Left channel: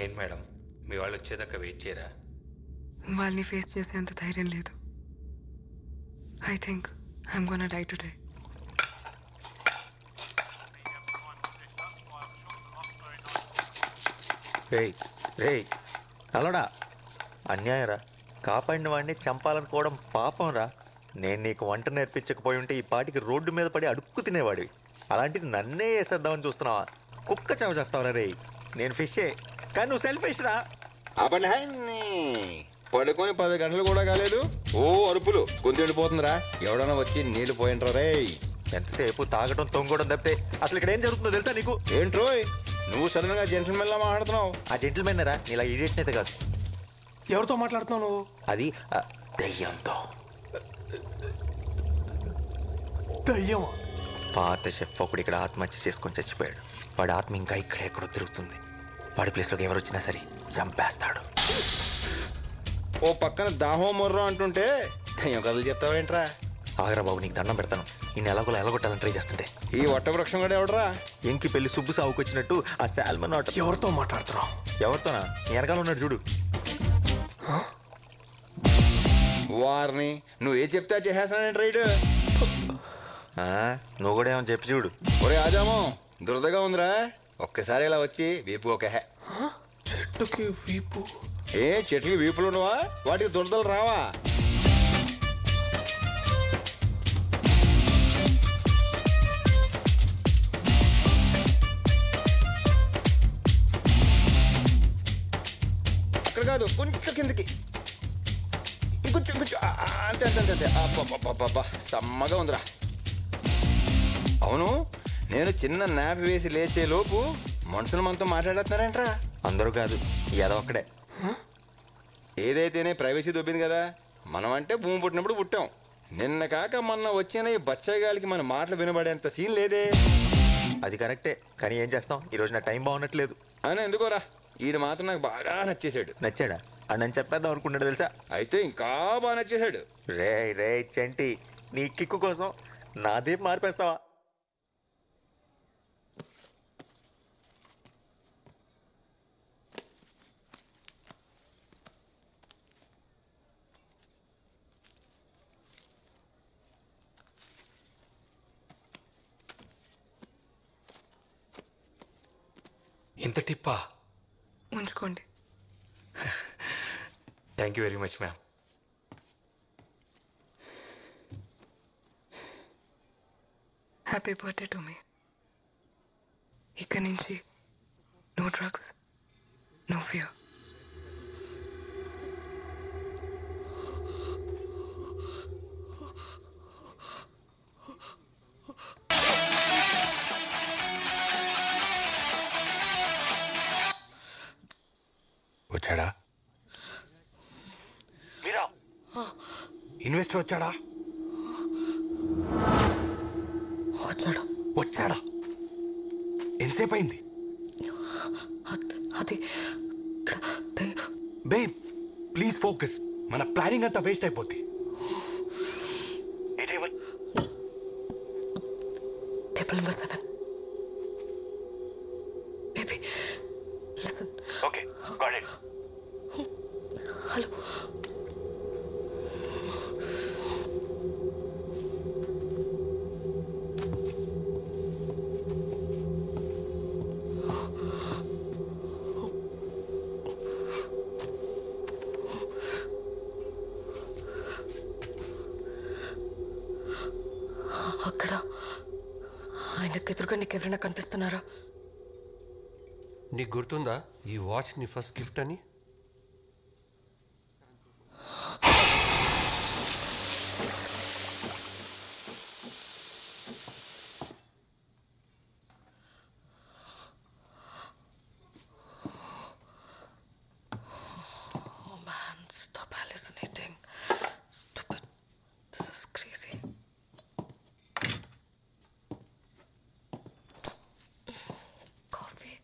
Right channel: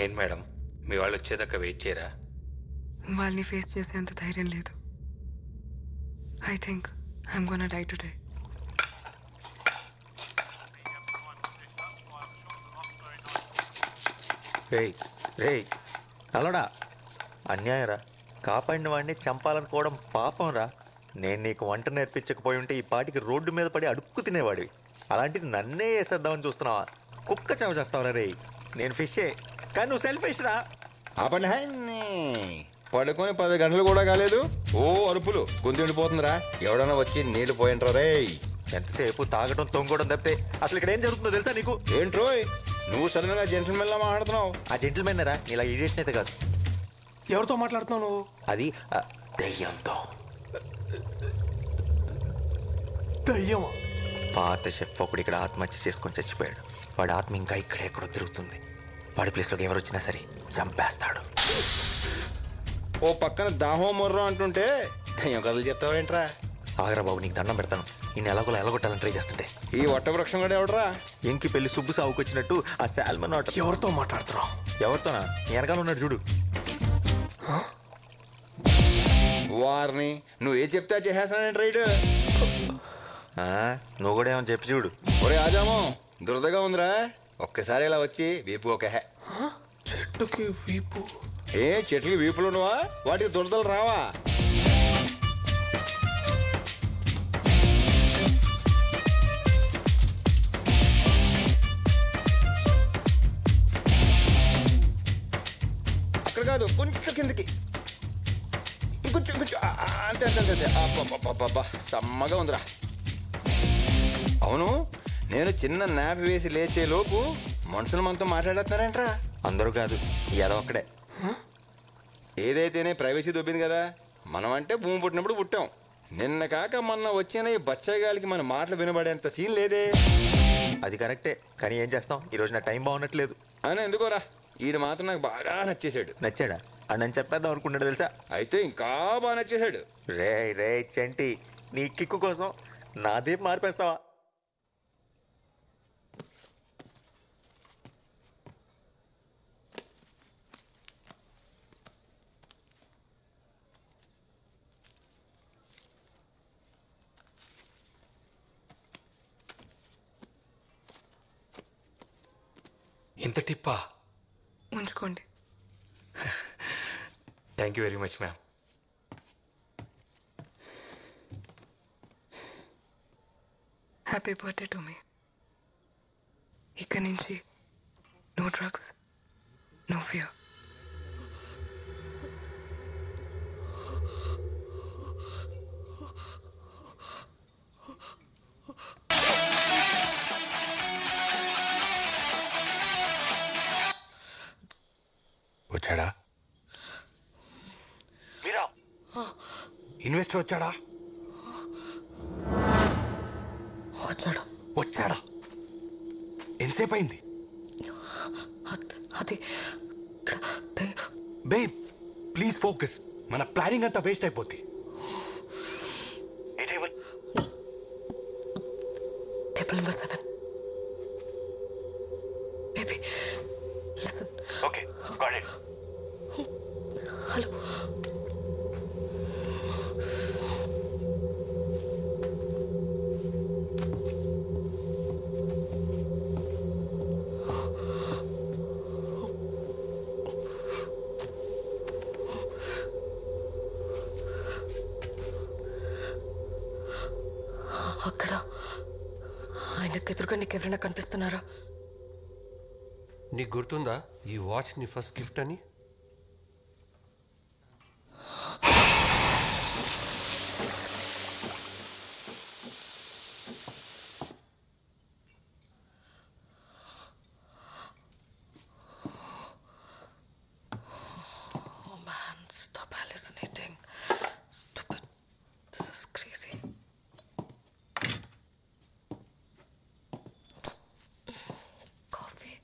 ఏంటి మేడం, మీ వాళ్ళు వచ్చేదాకా వెయిట్ చేయరా? వాళ్ళని ఫేస్ చేసేంత ధైర్యం లేదు. I think I'm gonna die today. రేయ్ రేయ్ అలడా అన్యాయరా. కాపాడిన వాడిని చంపాలనుకోవడం పాపం రా. నేను నీకు వంట నేర్పించకపోయి ఉంటే ఈ పాటికి రోడ్డు మీద పడి అడుక్కు తినేవాడివి. అలాంటిది నన్నే వేసేద్దామని చూస్తున్నావా? కుక్క చావు చేస్తావరా రేయ్. నేను ఫిషే, కానీ నువ్వు సెల్ఫిష్ రా. ఆపండి పడుకొని 10 గంటలు కూడా కాలేదు, ఓ అరుపులు గొంతు ఎండిపోతుందిరా. ఎవడన్నా వచ్చి నీళ్లు పోయింట్రా రే. ఎంతసేపు తాగడం తొంగడం తప్పితే అసలు ఇక్కడ ఏం జరుగుతుందో తెలుసా నీకు? ఏంట్రోయ్ నువ్వు సడన్ గా జెంటల్మెన్ లా మాట్లాడుతున్నావు? ఆ జెంటిల్మెన్ రా, నీలా ఇడియట్ అయితే కాదు. ఎవరితో మాట్లాడుతున్నావు నువ్వు? అది దెయ్యంతో. దయ్యమా? పాత షెఫ్ ఒకడు ఇక్కడ ఆత్మహత్య చేసుకొని చచ్చిపోయాడు. వాడి ఆత్మ ఇంకా ఇక్కడెక్కడో తిరుగుతుంది. వాడి ప్లేస్లోకి ఎవరు వచ్చినా సరే చంపేస్తాడు. ఓ పక్కన దాహో మొర్రో అంటుంటే దయ్యం కథలు చెప్తావేంట్రా? ఆగరా బాబు, నీకు దండం పెడతాను. ఈ నెలకొల ఎలగొట్టాలని ట్రై చేస్తుంటే ఈ వట్ట వృక్షం కూడా ఎవడరా? ఎంకి పెళ్లి సుబ్బు సాగుకొచ్చినట్టు ఆ శాల్మన్ ఆట. ఎవరితో మాట్లాడుతున్నావు? ఎవరితోనా? నీ వెనకాల ఉన్నాడు చూడు. వారిని నువ్వు ఏ చెప్తే చేసేస్తానంటే రైడ్. నువ్వు కూడా ఏమని చెప్పి చూడు. ఒరే ఆజామో, దురదగా ఉందిరా, ఒక్కసారి ఇలా వచ్చి వీపు ఒక చెట్టుకి వీపు? ఏ చెట్లకి వీపులు ఉండవా? వాటికి దురదలు రావా? అక్కడ కాదు, కొంచెం కిందకి, ఇంకొంచెం కొంచెం, అంతే అంతే అంతే అంతే. అబ్బా సమ్మగా ఉందిరా. అవును, నేను చిన్న నాపి వేసి లేచే లోపు మనుషులు మనతో మాట్లాడేస్తున్నారేంట్రా? అందరూ కాదు, ఏదో ఒక్కడే. ఏదైతేనే ప్రైవసీ దొబ్బింది కదా. మనం అంటే భూమి పుట్టినప్పుడు పుట్టాం. నిన్న కాక మొన్న వచ్చిన ఈ బచ్చగాలికి మన మాటలు వినబడేంత సీన్ లేదే. అది కరెక్టే, కానీ ఏం చేస్తాం, ఈ రోజు నా టైం బాగున్నట్లేదు. అని ఎందుకోరా, ఈడు మాత్రం నాకు బాగా నచ్చేశాడు. నచ్చాడా? అని చెప్పేద్దాం అనుకున్నాడు తెలుసా. అయితే ఇంకా బాగా నచ్చేశాడు. రే రే చంటి, నీ కిక్కు కోసం నా దీపు మార్పేస్తావా? ఇంత టిప్పా? ఉంచుకోండి. Thank you very much ma'am. Happy birthday to me. ఇక్కడి నుంచి నో డ్రగ్స్, నో ఫియర్. వచ్చాడా? మీరా ఇన్వెస్టర్ వచ్చాడా? వచ్చాడు. వచ్చాడా? ఎంతసేపు అయింది? అది బేబ్ ప్లీజ్ ఫోకస్, మన ప్లానింగ్ అంతా వేస్ట్ అయిపోద్ది. Table number 7. Baby listen. Okay got it. Hello. అక్కడ ఆయనకు ఎదురుగా నీకెవరైనా కనిపిస్తున్నారా? నీకు గుర్తుందా ఈ వాచ్ నీ ఫస్ట్ గిఫ్ట్ అని? Oh man, stop hallucinating. Stupid. This is crazy. Coffee.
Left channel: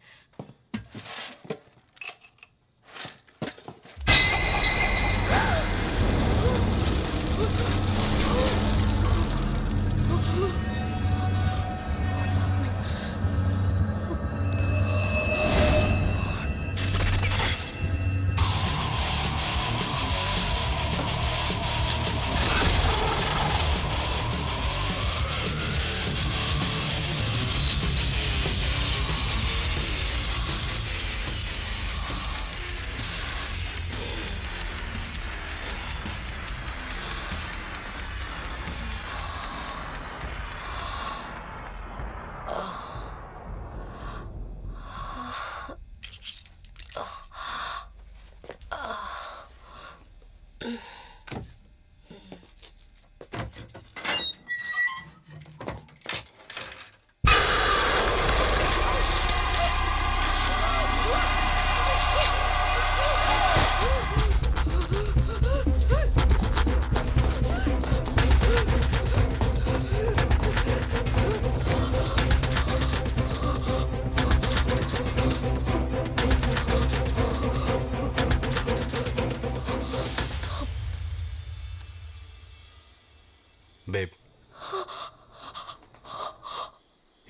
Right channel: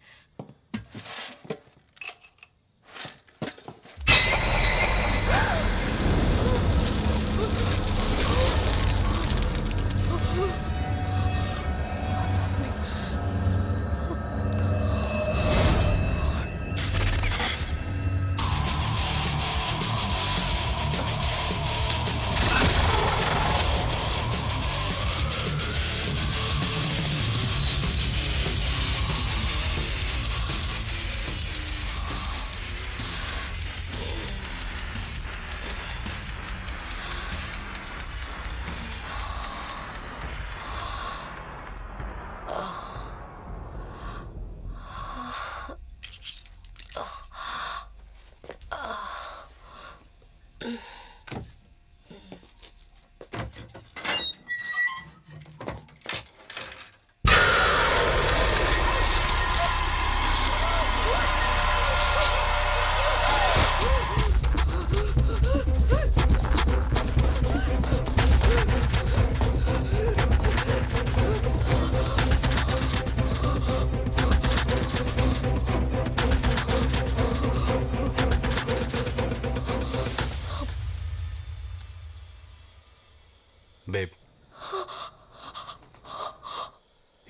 Babe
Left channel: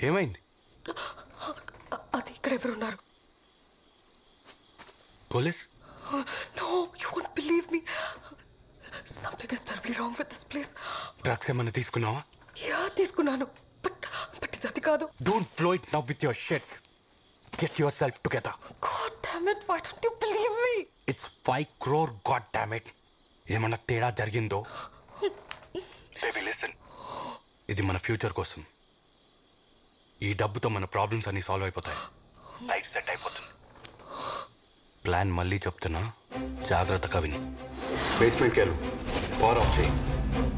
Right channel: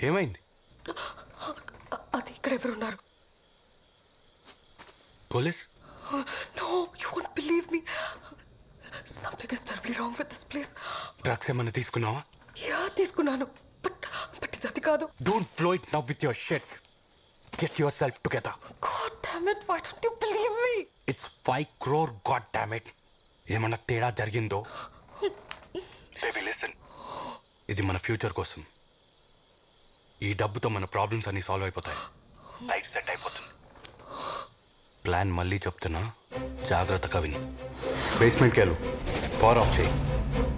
ఏమైంది? అది ఇక్కడ ఎవరున్నారు? Police? No, you won't believe me. Something is terribly wrong with this place. Drugs ఏమన్నా తీసుకున్నావా? యా తీసుకున్నాను, బట్ ఇది అది కాదు. Don't flow it now with your shit. Get your self together. God damn it, why don't you believe me? It's 5 crore, god damn it. ఏమన్నా తేడా జరిగిందో? Baby listen, ఇది మన ఫ్యూచర్ కోసం. ఈ డబ్బుతో మన ప్రాబ్లమ్స్ అన్ని సాల్వ్ అయిపోతాయి. లైఫ్ సెట్ అయిపోతుంది. ప్లాన్ మళ్ళీ చెప్తున్నా, జాగ్రత్తగా విని. బేస్మెంట్కి వెళ్ళు, పవర్ ఆఫ్ చేయి,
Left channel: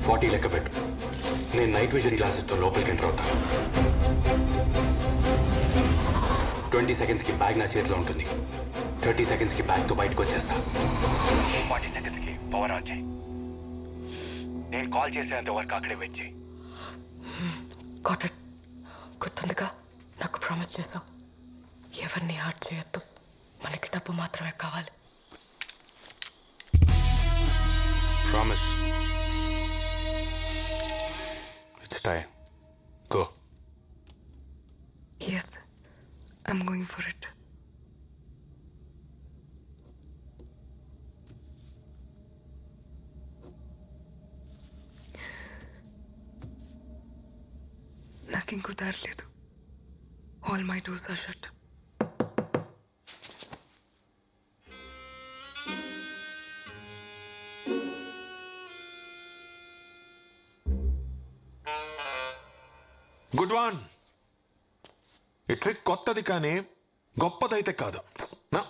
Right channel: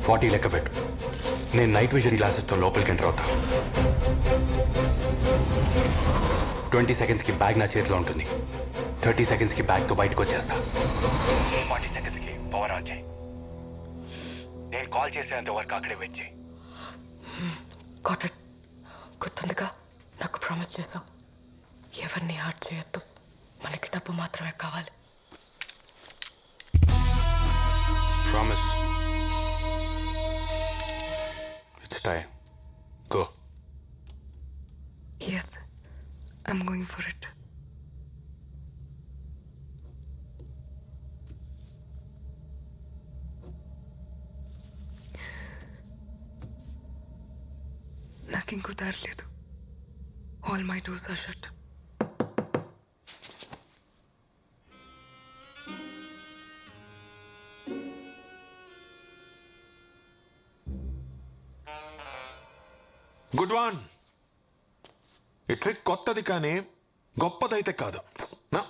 40 లెక్క పెట్టు. నేను నైట్ విజన్ గ్లాసెస్తో లోపలికి ఎంటర్ అవుతా. 20 సెకండ్స్కి బ్యాగ్ నా చేతిలో ఉంటుంది. 30 సెకండ్స్కి బ్యాగ్తో బయటకు వచ్చేస్తా. 40 సెకండ్స్కి పవర్ ఆన్ చేయి. నేను కాల్ చేసేంత వరకు అక్కడే వెయిట్ చేయి. Got it. గుర్తుందిగా, నాకు ప్రామిస్ చేశావు, ఎవరిని హార్ట్ చేయొద్దు, మనకి డబ్బు మాత్రమే కావాలి. Promise. It's time. Go. Yes, I'm going for it. నాకు ఇంకో దారి లేదు. All my doors are shut. Good one. ఈ ట్రిక్ కొత్తది కానీ గొప్పదైతే కాదు. నా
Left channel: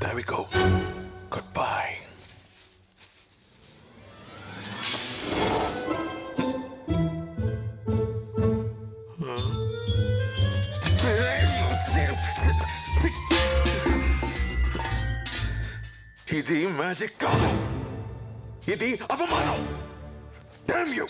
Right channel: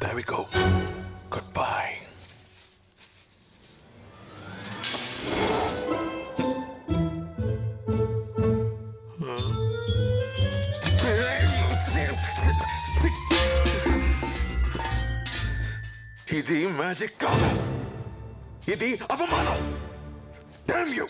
There we go. Goodbye. ఇది మ్యాజిక్ కాదు, ఇది అవమానం. Damn you!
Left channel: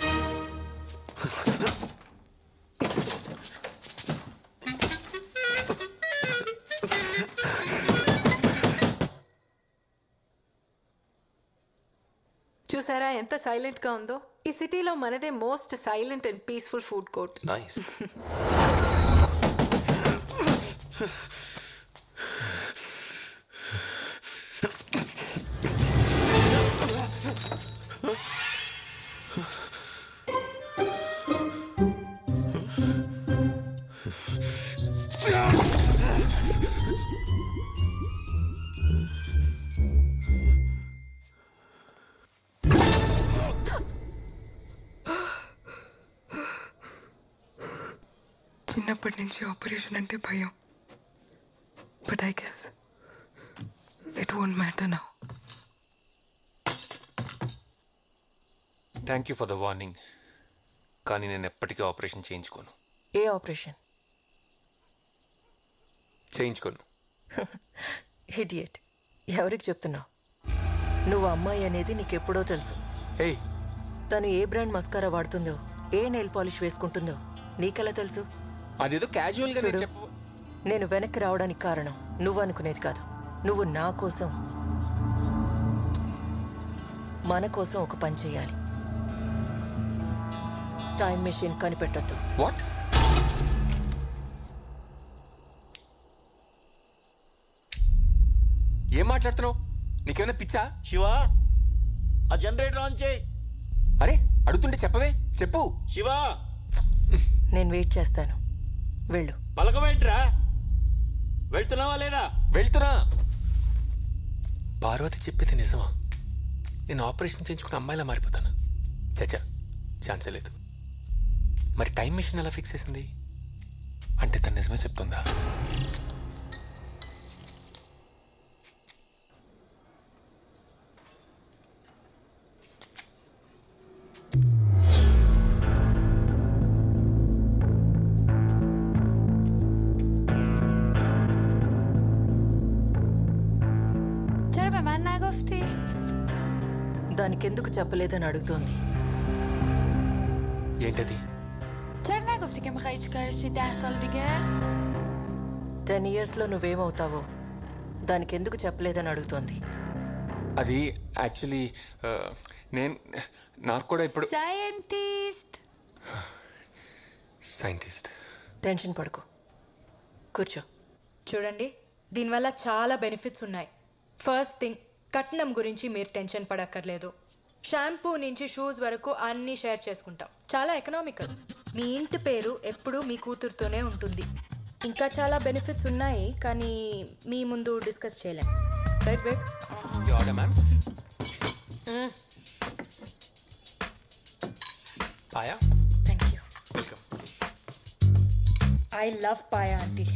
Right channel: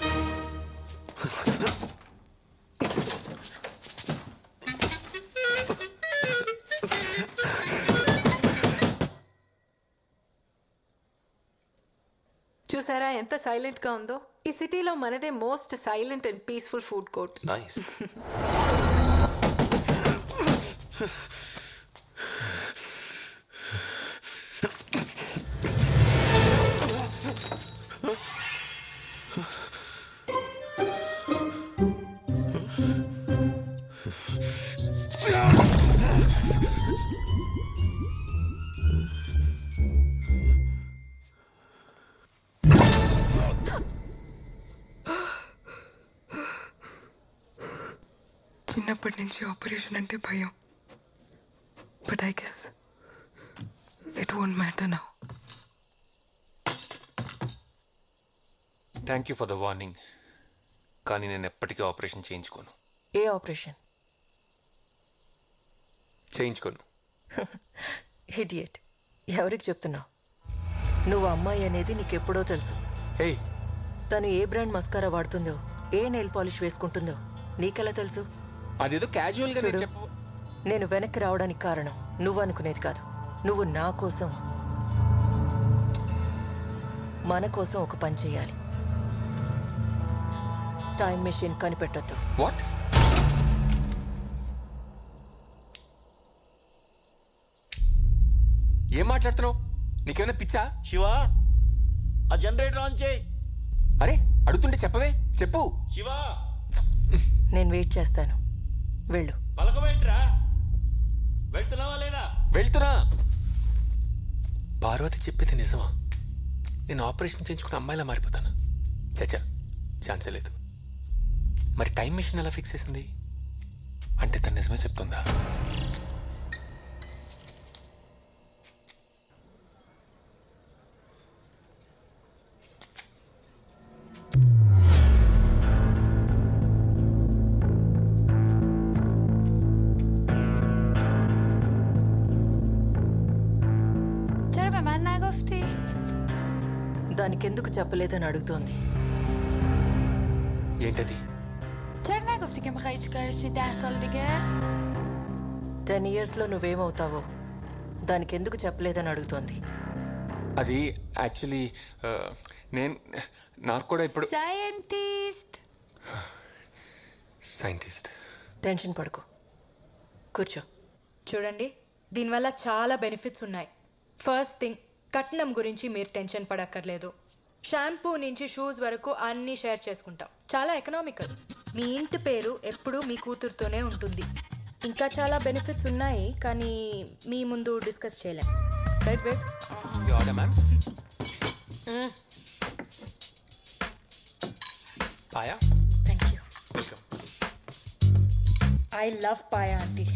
చూసారా ఎంత సైలెంట్ గా ఉందో? ఈ సిటీలో మనదే most silent and peaceful food court. Nice. చిన్నప్పటి నుంచి ఆపరేషన్ అంటే భయం, but I guess it won't matter now. Thank you for the warning, కానీ నేను ఎప్పటికీ ఆపరేషన్ చేయించుకోను. ఏ ఆపరేషన్? చేయించుకోను. ఇడియట్. ఎవరికి చెప్తున్నావు? నువ్వు అమ్మాయి అనేది నీకెప్పుడో తెలుసు. హే, తను ఏ బ్రాండ్ మస్కారా వాడుతుందో, ఏ నెయిల్ పాలిష్ వేసుకుంటుందో నీకెలా తెలుసు? అదేదో క్యాజువల్ గా చూడు, చెప్పు. నేను వెనక్కి రావడానికి కారణం నువ్వు అనుకునేది కాదు. నువ్వు నా కోసం, మన కోసం ఒక పని చేయాలి. టైం మెషిన్ కనిపెట్టొద్దు. వాట్? ఏం మాట్లాడుతున్నావు? నీకేమైనా పిచ్చా? శివ, ఆ జనరేటర్ ఆన్ చేయి. అరే అడుగుతుంటే చెప్పవే, చెప్పు. శివ, నేను వెయిట్ చేస్తాను, వెళ్ళు. పలకమేంట్రా? వెళ్తున్నావా లేదా? వెళ్తున్నా. పార్వతి చెప్పేది నిజమా? నేను ఆపరేషన్ చేయించుకుని అమ్మాయిలా మారిపోతాను? చచ్చా, ఛాన్సే లేదు. మరి టైం మిషన్ ఎలా ఫిక్స్ చేసింది? అంటే తను నిజమే చెప్తుందా? దానికెందుకు చెప్పలేదని అడుగుతోంది. ఏంటది? 10 years లో నువ్వేమవుతావో దానికెందుకు చెప్పలేదని అడుగుతోంది. అది యాక్చువల్లీ నాకు కూడా ఇప్పుడు సైంటిస్ట్. టెన్షన్ పడుకో, కూర్చో. చూడండి, దీనివల్ల చాలా బెనిఫిట్స్ ఉన్నాయి. ఫస్ట్ థింగ్, కట్నం గురించి మీరు టెన్షన్ పడక్కర్లేదు. షాంపూ నుంచి షూస్ వరకు అన్నీ షేర్ చేసుకుంటాం. చాలా ఎకనామికల్. మీ ఇంటి పేరు ఎప్పుడూ మీ కూతురుతోనే ఉంటుంది. ఇంకా చాలా బెనిఫిట్స్ ఉన్నాయి, కానీ మీ ముందు డిస్కస్ చేయలేం. Right babe? Ma'am paya, thank you. Welcome. I love paya aunty.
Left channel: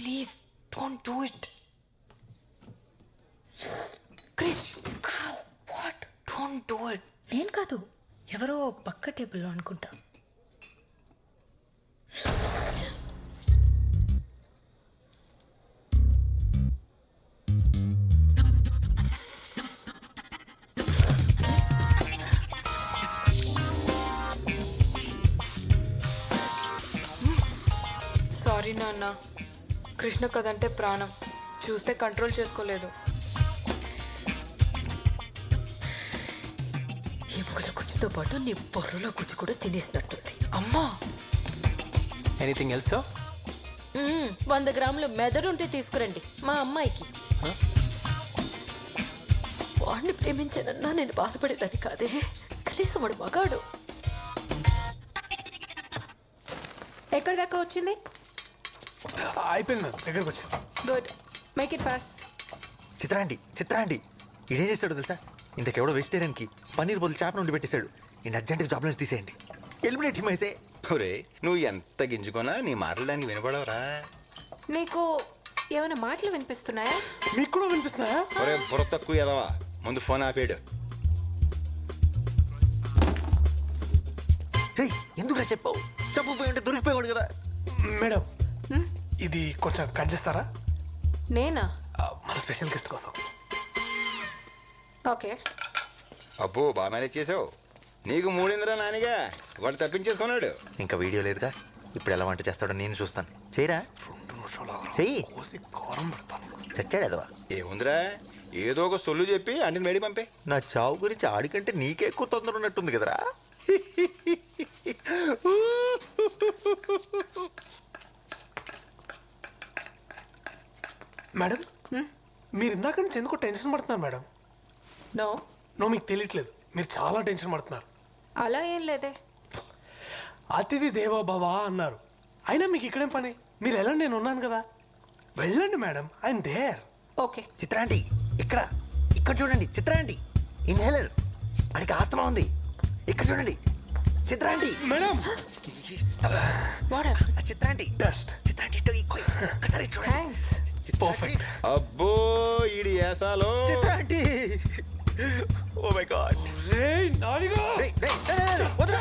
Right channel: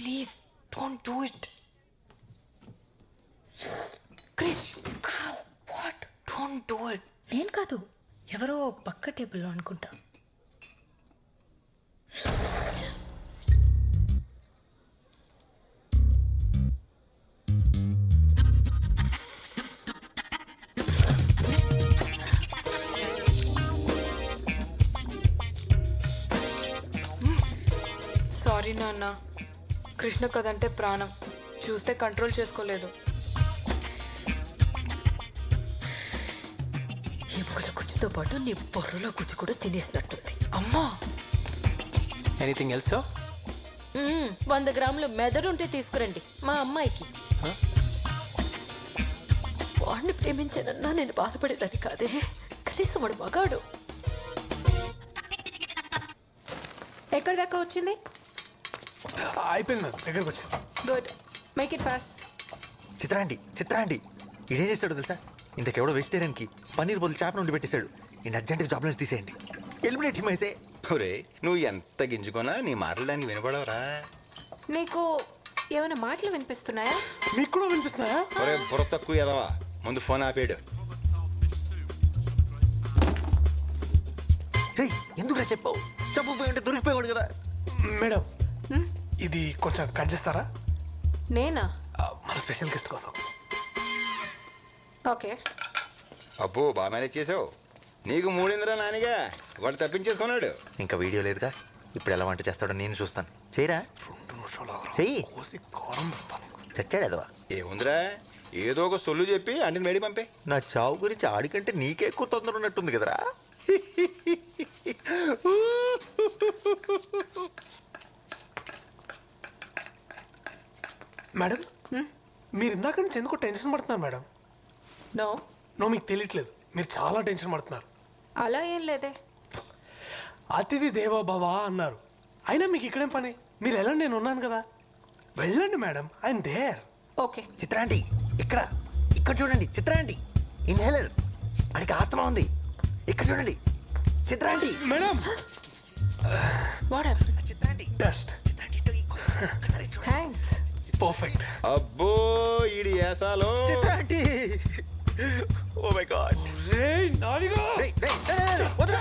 Please, don't do it. Krish, ow, what? Don't do it. నేను కాదు, ఎవరో పక్క టేబుల్లో అనుకుంటా. సారీ నాన్న, కృష్ణ కదంటే ప్రాణం. చూస్తే కంట్రోల్ చేసుకోలేదు. ఎముకల గుజ్జుతో పాటు నీ బొర్రలో గుజ్జు కూడా తినేసినట్టుంది. అమ్మా, ఎనీథింగ్ ఎల్స్? 100 గ్రాములు మెదడుంటే తీసుకురండి మా అమ్మాయికి. వాడిని ప్రేమించానన్నా నేను బాధపడేదాన్ని కాదే. కనీసం వాడు మగాడు. ఎక్కడి దాకా వచ్చింది? అయిపోయింది మేడం, దగ్గరకు వచ్చాను. Good, make it fast. చిత్రాండి ఇదేం చేస్తాడు తెలుసా? ఇంతకెవడో వెజిటేరియన్ కి పన్నీర్ బదులు చేప నుండి పెట్టేశాడు. నేను అర్జెంట్గా జాబ్ నుంచి తీసేయండి. ఎలిమినేట్ హిమ్ అయితే. ఒరే, నువ్వు ఎంత గింజుకున్నా నీ మాటలు దానికి వినపడవరా? నీకు ఏమైనా మాటలు వినిపిస్తున్నాయా? మీకు కూడా వినిపిస్తున్నాయా? ఒరే బుర్ర తక్కువ ఎదవా, ముందు ఫోన్ ఆపేడు. ఎందుకురా చెప్పావు? చెప్పకపోయి ఉంటే దొరికిపోయాడు కదా. మేడం, ఇది కొంచెం కట్ చేస్తారా? నేనా? మన స్పెషల్ గెస్ట్ కోసం. ఓకే. అబ్బో, బాగా మేనేజ్ చేసావు. నీకు మూడిందిరా నానిగా, వాడు తప్పించేసుకున్నాడు. ఇంకా వీడియో లేదుగా, ఇప్పుడు ఎలా వంట చేస్తాడో నేను చూస్తాను. చేయరా? 2 నిమిషాలు చెయ్యి. కారం పెడతాను. చచ్చాడు అదవా. ఏముందిరా, ఏదో ఒక సొల్లు చెప్పి అంటే మేడి పంపే. నా చావు గురించి ఆడికంటే నీకే ఎక్కువ తొందర ఉన్నట్టుంది కదరా. మేడం, మీరు ఇందాక నుంచి ఎందుకో టెన్షన్ పడుతున్నారు మేడం? నో, మీకు తెలియట్లేదు, మీరు చాలా టెన్షన్ పడుతున్నారు. అలా ఏం లేదే. అతిథి దేవో భవ అన్నారు. అయినా మీకు ఇక్కడేం పని? మీరు వెళ్ళండి, నేను ఉన్నాను కదా. వెళ్ళండి మేడం, ఐఎమ్ దేర్. ఓకే. చిత్రాంటి, ఇక్కడ చూడండి. చిత్రాంటి, ఇన్హేలర్. అడికి ఆత్మ ఉంది. ఇక్కడ చూడండి చిత్రాంటి. మేడం, చిత్రాంటి, బెస్ట్. చిత్రాంటి థ్యాంక్స్. పర్ఫెక్ట్. అబ్బో, ఈడి ఏసాలో. చిత్రాంటి, ఓ మై గాడ్. నానిగా వదరా